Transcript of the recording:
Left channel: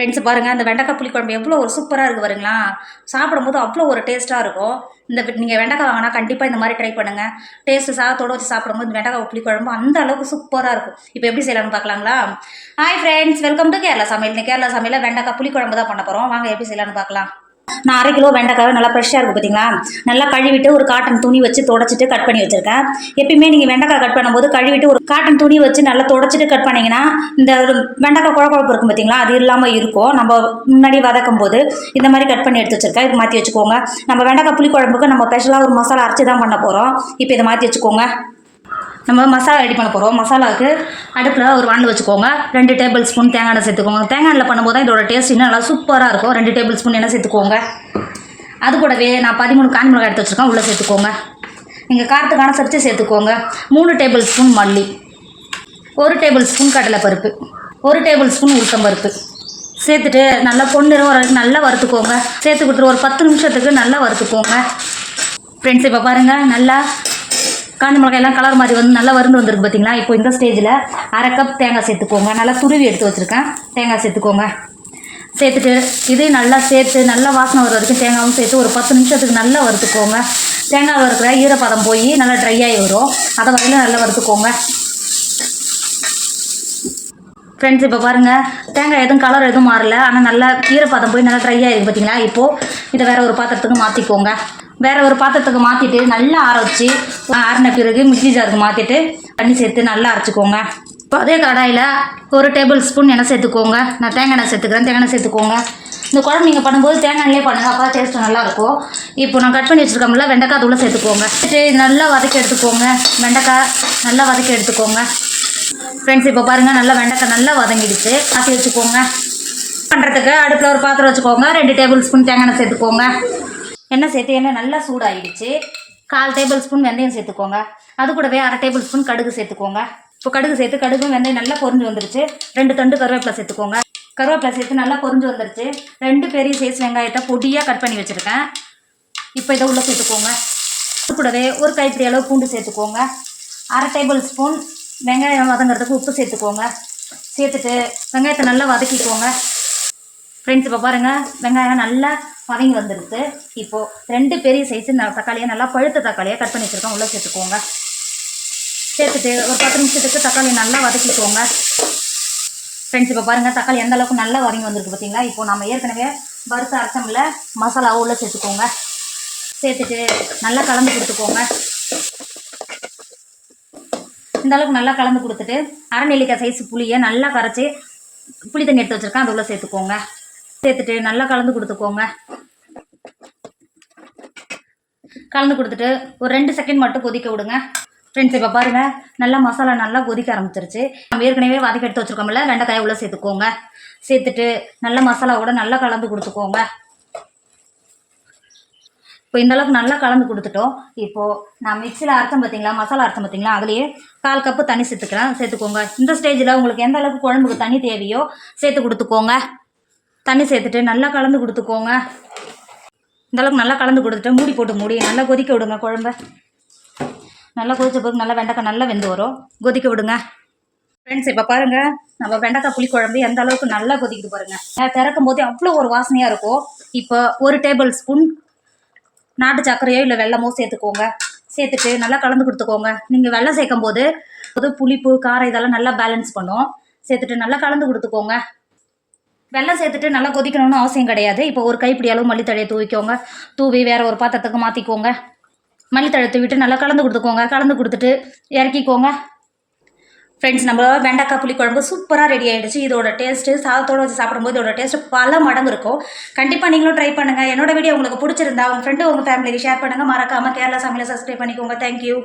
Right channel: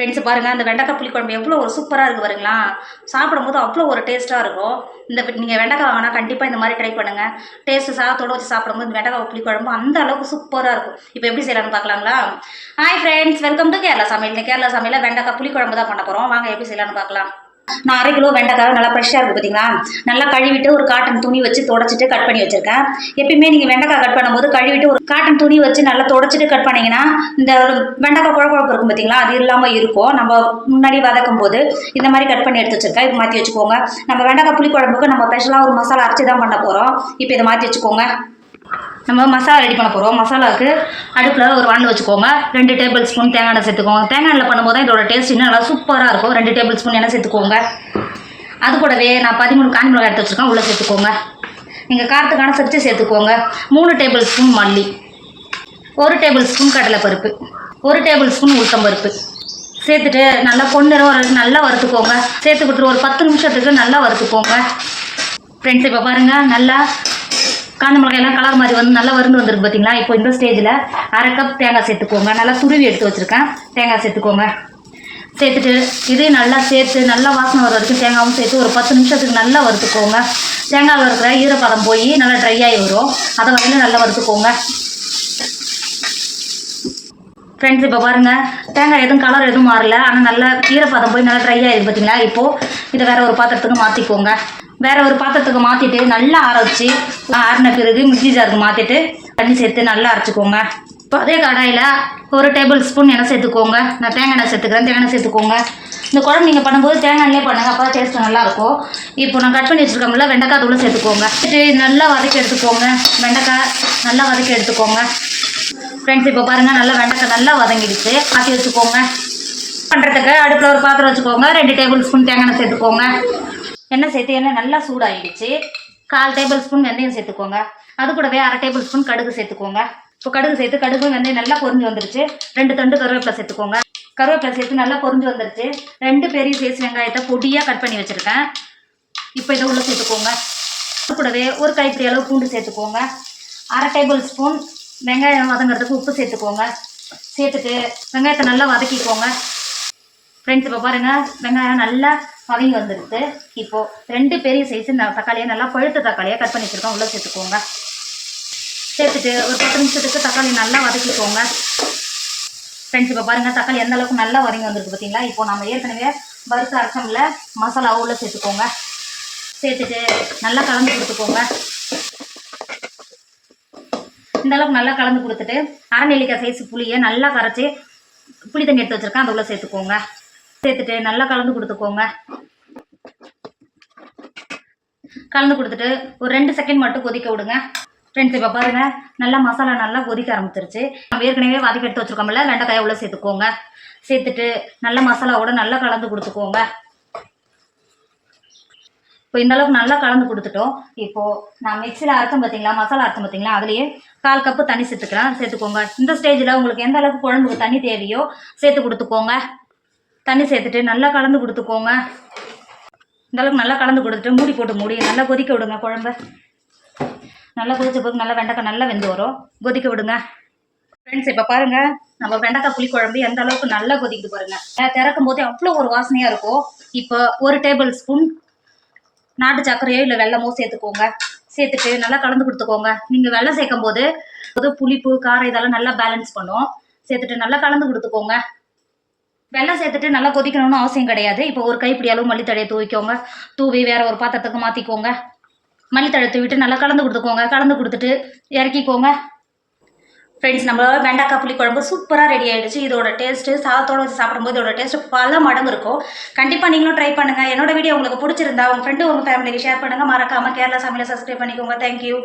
Friends பாருங்கள், அந்த வெண்டைக்காய் புளிக்குழம்பு எவ்வளோ ஒரு சூப்பராக இருக்குது பாருங்களா. சாப்பிடும்போது அவ்வளோ ஒரு டேஸ்ட்டாக இருக்கும். நீங்கள் வெண்டைக்காய் வாங்கினா கண்டிப்பாக இந்த மாதிரி ட்ரை பண்ணுங்கள். டேஸ்ட்டு சாதத்தோடு வச்சு சாப்பிடும்போது இந்த வெண்டைக்காய் புளிக்குழம்பு அந்த அளவுக்கு சூப்பராக இருக்கும். இப்போ எப்படி செய்யலாம்னு பார்க்கலாங்களா? Hi friends, welcome to Kerala சமையல். இந்த கேரளா சமையலில் வெண்டைக்காய் புளிக்குழம்பு தான் பண்ண போகிறோம். வாங்க எப்படி செய்யலாம்னு பார்க்கலாம். நான் 1/2 கிலோ வெண்டைக்காய் நல்லா ஃப்ரெஷ்ஷாக இருக்குது பார்த்தீங்களா. நல்லா கழுவிட்டு ஒரு காட்டன் துணி வச்சு தொடச்சிட்டு கட் பண்ணி வச்சுருக்கேன். எப்பயுமே நீங்கள் வெண்டைக்காய் கட் பண்ணும்போது கழுவிட்டு ஒரு காட்டன் துணி வச்சு நல்லா தொடச்சிட்டு கட் பண்ணிங்கன்னா இந்த வெண்டைக்காய் குழம்பு இருக்கும் பார்த்தீங்களா, அது இல்லாமல் இருக்கும். நம்ம முன்னாடி வதக்கும் போது இந்த மாதிரி கட் பண்ணி எடுத்து வச்சுருக்கேன். இப்போ மாற்றி வச்சுக்கோங்க. நம்ம வெண்டைக்காய் புளிக்குழம்புக்கு நம்ம ஸ்பெஷலாக ஒரு மசாலா அரைச்சி தான் பண்ண போகிறோம். இப்போ இதை மாற்றி வச்சுக்கோங்க. நம்ம மசாலா ரெடி பண்ண போகிறோம். மசாலாவுக்கு அடுப்பில் ஒரு வானல் வச்சுக்கோங்க. 2 டேபிள் ஸ்பூன் தேங்காய் எண்ணெய் சேர்த்துக்கோங்க. தேங்காய் எண்ணெய் பண்ணும்போது தான் இதோட டேஸ்ட் இன்னும் நல்லா சூப்பராக இருக்கும். 2 டேபிள் ஸ்பூன் எண்ணெய் சேர்த்துக்கோங்க. அது கூடவே நான் 13 காஞ்ச மிளகாய் எடுத்து வச்சுருக்கேன், உள்ளே சேர்த்துக்கோங்க. நீங்கள் காரத்துக்கான சரிச்சு சேர்த்துக்கோங்க. 3 டேபிள் ஸ்பூன் மல்லி, 1 டேபிள் ஸ்பூன் கடலைப்பருப்பு, 1 டேபிள் ஸ்பூன் உளுத்தம்பருப்பு சேர்த்துட்டு நல்லா பொன்னிறம் வரைக்கும் நல்லா வறுத்துக்கோங்க. சேர்த்துக்கிட்டு ஒரு 10 நிமிஷத்துக்கு நல்லா வறுத்துக்கோங்க. ஃப்ரெண்ட்ஸ் இப்போ பாருங்கள், நல்லா காஞ்ச மிளகாயெல்லாம் கலர் மாதிரி வந்து நல்லா வருந்து வந்துருக்கு பார்த்தீங்களா. இப்போ இந்த ஸ்டேஜில் 1/2 கப் தேங்காய் சேர்த்துக்கோங்க. நல்லா துருவி எடுத்து வச்சுருக்கேன். தேங்காய் சேர்த்துக்கோங்க. சேர்த்துட்டு இது நல்லா சேர்த்து நல்லா வாசனை வர வரைக்கும் தேங்காயும் சேர்த்து ஒரு 10 நிமிஷத்துக்கு நல்லா வறுத்துக்கோங்க. தேங்காய் இருக்கிற ஈரப்பதம் போய் நல்லா ட்ரை ஆகி வரும். அதை வரையிலும் நல்லா வறுத்துக்கோங்க. ஃப்ரெண்ட்ஸ் இப்போ பாருங்கள், தேங்காய் எதுவும் கலர் எதுவும் மாறல, ஆனால் நல்லா ஈரப்பதம் போய் நல்லா ட்ரை ஆகிருக்கு பார்த்தீங்களா. இப்போது இதை வேறு ஒரு பாத்திரத்துக்கு மாற்றிக்கோங்க. வேறு ஒரு பாத்திரத்துக்கு மாற்றிட்டு நல்லா ஆற வச்சு ஆறின பிறகு மிக்ஸி ஜாருக்கு மாற்றிட்டு தண்ணி சேர்த்து நல்லா அரைச்சிக்கோங்க. இப்போ அதே கடாயில் 1 டேபிள் ஸ்பூன் எண்ணெய் சேர்த்துக்கோங்க. நான் தேங்காய் எண்ணெய் சேர்த்துக்கிறேன். தேங்காய் எண்ணெய் சேர்த்துக்கோங்க. இந்த குழம்பு நீங்கள் பண்ணும்போது தேங்காய் எண்ணெயே பண்ணுங்கள், அப்போ தான் டேஸ்ட்டு நல்லாயிருக்கும். இப்போ நான் கட் பண்ணி வச்சுருக்கோம்ல வெண்டைக்காய் தூளை சேர்த்துக்கோங்க. நல்லா வதக்கி எடுத்துக்கோங்க. வெண்டைக்காய் நல்லா வதக்கி எடுத்துக்கோங்க. ஃப்ரெண்ட்ஸ் இப்போ பாருங்கள், நல்லா வெண்டைக்காய் நல்லா வதங்கிடுச்சு. மாற்றி வச்சுக்கோங்க. பண்ணுறதுக்கு அடுப்பில் ஒரு பாத்திரம் வச்சுக்கோங்க. 2 டேபிள் ஸ்பூன் தேங்காய் எண்ணெய் சேர்த்துக்கோங்க. எண்ணெய் சேர்த்து எண்ணெய் நல்லா சூடாகிடுச்சு. 1/4 டேபிள் ஸ்பூன் வெந்தயம் சேர்த்துக்கோங்க. அது கூடவே 1/2 டேபிள் ஸ்பூன் கடுகு சேர்த்துக்கோங்க. இப்போ கடுகு சேர்த்து கடுகு வெந்தயம் நல்லா பொரிஞ்சு வந்துருச்சு. 2 தண்டு கருவேப்பிலை சேர்த்துக்கோங்க. கருவேப்பிலை சேர்த்து நல்லா பொரிஞ்சு வந்துருச்சு. 2 பெரிய சைஸ் வெங்காயத்தை பொடியாக கட் பண்ணி வச்சுருக்கேன். இப்போ இதை உள்ளே சேர்த்துக்கோங்க. அது கூடவே ஒரு கைப்பிடி அளவு பூண்டு சேர்த்துக்கோங்க. 1/2 டேபிள் ஸ்பூன் வெங்காயம் வதங்கிறதுக்கு உப்பு சேர்த்துக்கோங்க. சேர்த்துட்டு வெங்காயத்தை நல்லா வதக்கிக்கோங்க. ஃப்ரெண்ட்ஸ் இப்போ பாருங்கள், வெங்காயம் நல்லா வதங்கி வந்துடுது. இப்போது 2 பெரிய சைஸு தக்காளியை நல்லா பழுத்த தக்காளியாக கட் பண்ணி வச்சுருக்கோம், உள்ளே சேர்த்துக்கோங்க. சேர்த்துட்டு ஒரு 10 நிமிஷத்துக்கு தக்காளி நல்லா வதக்கிக்கோங்க. ஃப்ரெண்ட்ஸ் இப்போ பாருங்கள், தக்காளி எந்த அளவுக்கு நல்லா வதங்கி வந்திருக்கு பார்த்தீங்களா. இப்போ நம்ம ஏற்கனவே வறுத்த அரைச்சமில் மசாலா உள்ளே சேர்த்துக்கோங்க. சேர்த்துட்டு நல்லா கலந்து கொடுத்துக்கோங்க. இந்த அளவுக்கு நல்லா கலந்து கொடுத்துட்டு 1/2 நெல்லிக்காய் சைஸ் புளியை நல்லா கரைச்சி புளி தண்ணி எடுத்து வச்சுருக்கேன், அது உள்ளே சேர்த்துக்கோங்க. சேர்த்துட்டு நல்லா கலந்து கொடுத்துக்கோங்க. கலந்து கொடுத்துட்டு ஒரு 2 செகண்ட் மட்டும் கொதிக்க விடுங்க. ஃப்ரெண்ட்ஸ் இப்போ பாருங்கள், நல்லா மசாலா நல்லா கொதிக்க ஆரம்பிச்சிருச்சு. நம்ம ஏற்கனவே வதக்கி எடுத்து வச்சுருக்கோம்ல வெண்டைக்காயை உள்ளே சேர்த்துக்கோங்க. சேர்த்துட்டு நல்லா மசாலாவோட நல்லா கலந்து கொடுத்துக்கோங்க. இப்போ இந்த அளவுக்கு நல்லா கலந்து கொடுத்துட்டோம். இப்போது நான் மிக்ஸியில் அரைச்சோம் பார்த்தீங்களா, மசாலா அரைச்சோம் பார்த்தீங்களா, அதுலேயே 1/4 கப்பு தண்ணி சேர்த்துக்கோங்க. இந்த ஸ்டேஜில் உங்களுக்கு எந்த அளவுக்கு குழம்புக்கு தண்ணி தேவையோ சேர்த்து கொடுத்துக்கோங்க. தண்ணி சேர்த்துட்டு நல்லா கலந்து கொடுத்துக்கோங்க. இந்த அளவுக்கு நல்லா கலந்து கொடுத்துட்டு மூடி போட்டு நல்லா கொதிக்க விடுங்க. குழம்பு நல்லா கொதிச்ச பிறகு நல்லா வெண்டைக்காய் நல்லா வெந்து வரும், கொதிக்க விடுங்க. ஃப்ரெண்ட்ஸ் இப்போ பாருங்கள், நம்ம வெண்டைக்காய் புளிக்குழம்பு எந்த அளவுக்கு நல்லா கொதிக்குது பாருங்கள். திறக்கும் போதே அவ்வளோ ஒரு வாசனையாக இருக்கும். இப்போ 1 டேபிள் ஸ்பூன் நாட்டு சர்க்கரையோ இல்லை வெல்லமோ சேர்த்துக்கோங்க. சேர்த்துட்டு நல்லா கலந்து கொடுத்துக்கோங்க. நீங்கள் வெல்லம் சேர்க்கும் போது புளிப்பு காரம் இதெல்லாம் நல்லா பேலன்ஸ் பண்ணும். சேர்த்துட்டு நல்லா கலந்து கொடுத்துக்கோங்க. வெல்லம் சேர்த்துட்டு நல்லா கொதிக்கணும்னு அவசியம் கிடையாது. இப்போ ஒரு கைப்பிடி அளவு மல்லித்தழையை தூவி வேறு ஒரு பாத்திரத்துக்கு மாற்றிக்கோங்க. மல்லித்தழை தூவிட்டு நல்லா கலந்து கொடுத்துக்கோங்க. கலந்து கொடுத்துட்டு இறக்கிக்கோங்க. ஃப்ரெண்ட்ஸ், நம்ம வெண்டைக்காய் புளிக்குழம்பு சூப்பராக ரெடி ஆகிடுச்சு. இதோட டேஸ்ட்டு சாதத்தோடு வச்சு சாப்பிடும்போது இதோட டேஸ்ட்டு பல மடங்கு இருக்கும். கண்டிப்பாக நீங்களும் ட்ரை பண்ணுங்கள். என்னோட வீடியோ உங்களுக்கு பிடிச்சிருந்தா உங்கள் ஃப்ரெண்டு உங்கள் ஃபேமிலிக்கு ஷேர் பண்ணுங்கள். மறக்காமல் கேரளா சமையலை சப்ஸ்கிரைப் பண்ணிக்கோங்க. தேங்க்யூ.